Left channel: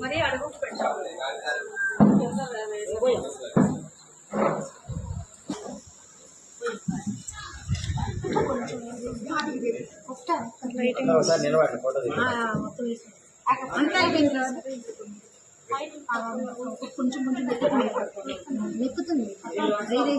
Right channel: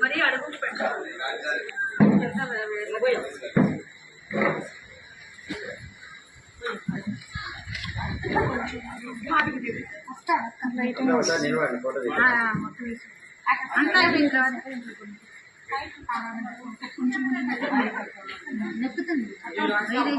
మరి అడుగు పెట్టాలి అంతా కొంచెం కొంచెం నెప్పుతుంది వేరే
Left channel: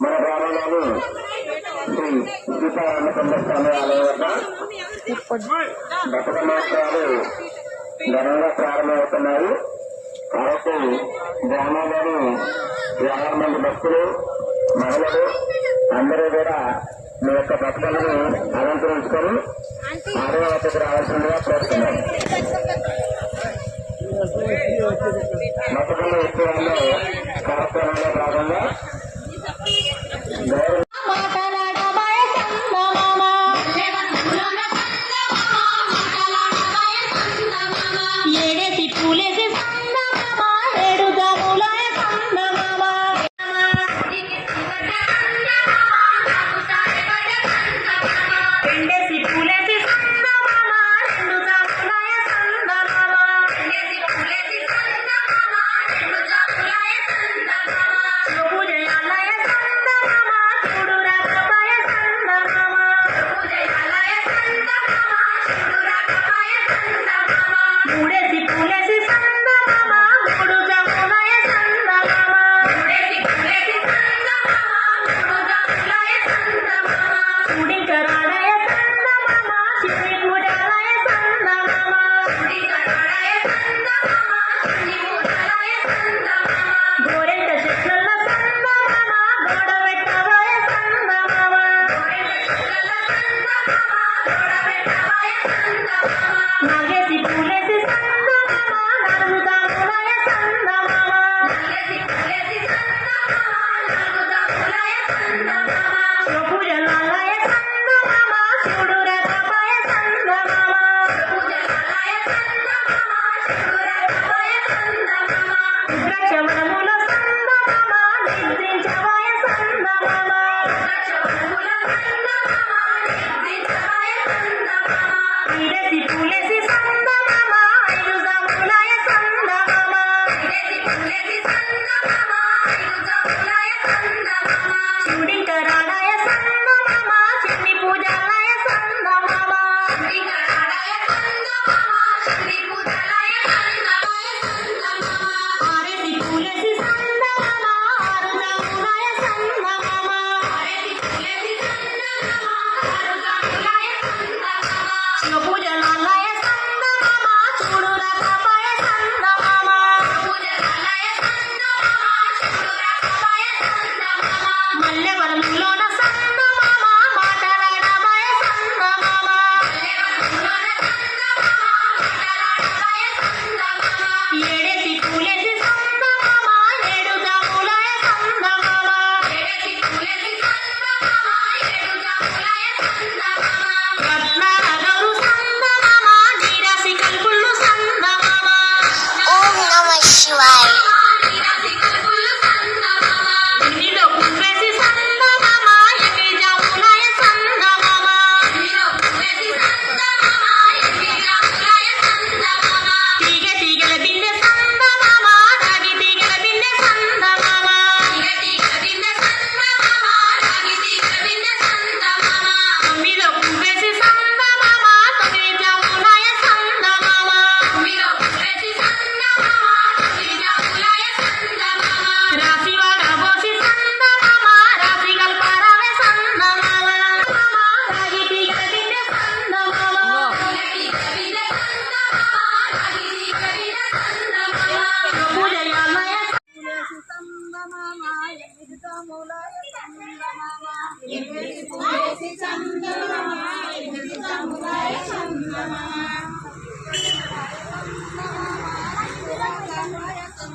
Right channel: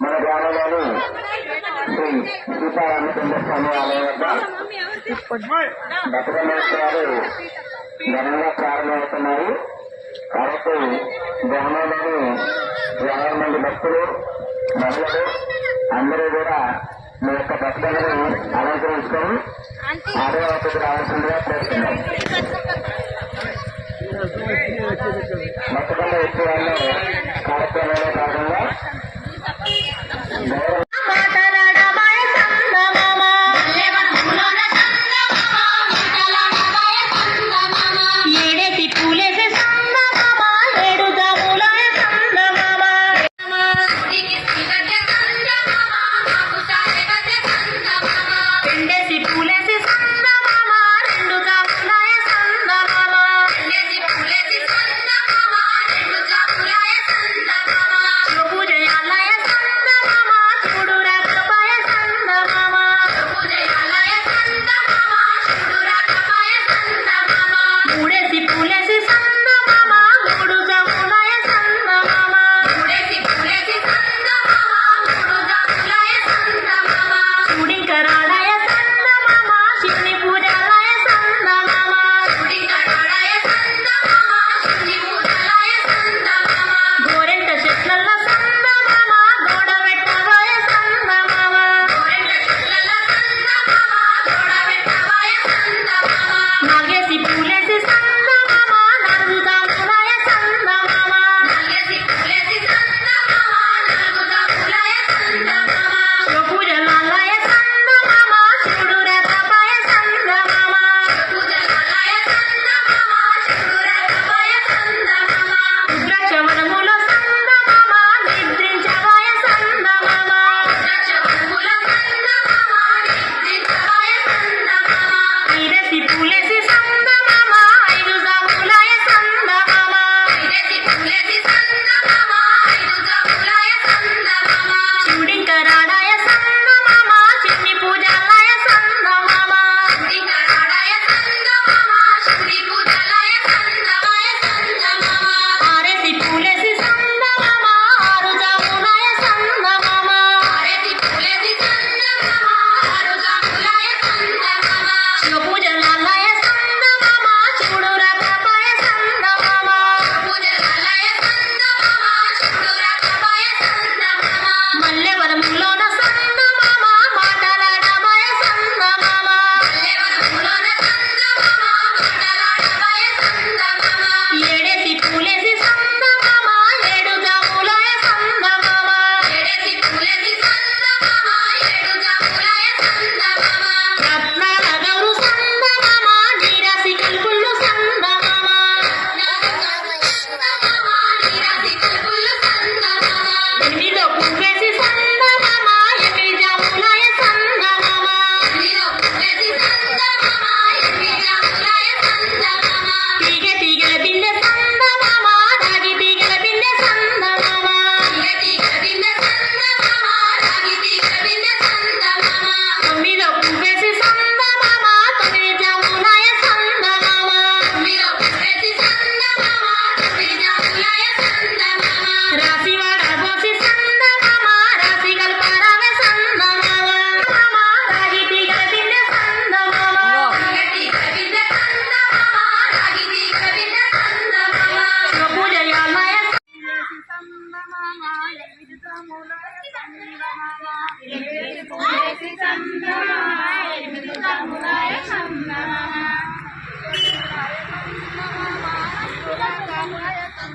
మన గ్రామంలోని శ్రీ సీతారామచంద్ర స్వామి ఆలయం వద్ద బతుకమ్మోత్సవాలు ఘనంగా ప్రారంభమవుతున్నాయి కాబట్టి గ్రామంలోని యాభై మంది భక్తులు మహిళలు అందరూ కూడా మీ యొక్క బతుకమ్మను అలంకరించుకొని ఆదివాసకు రావాల్సిందిగా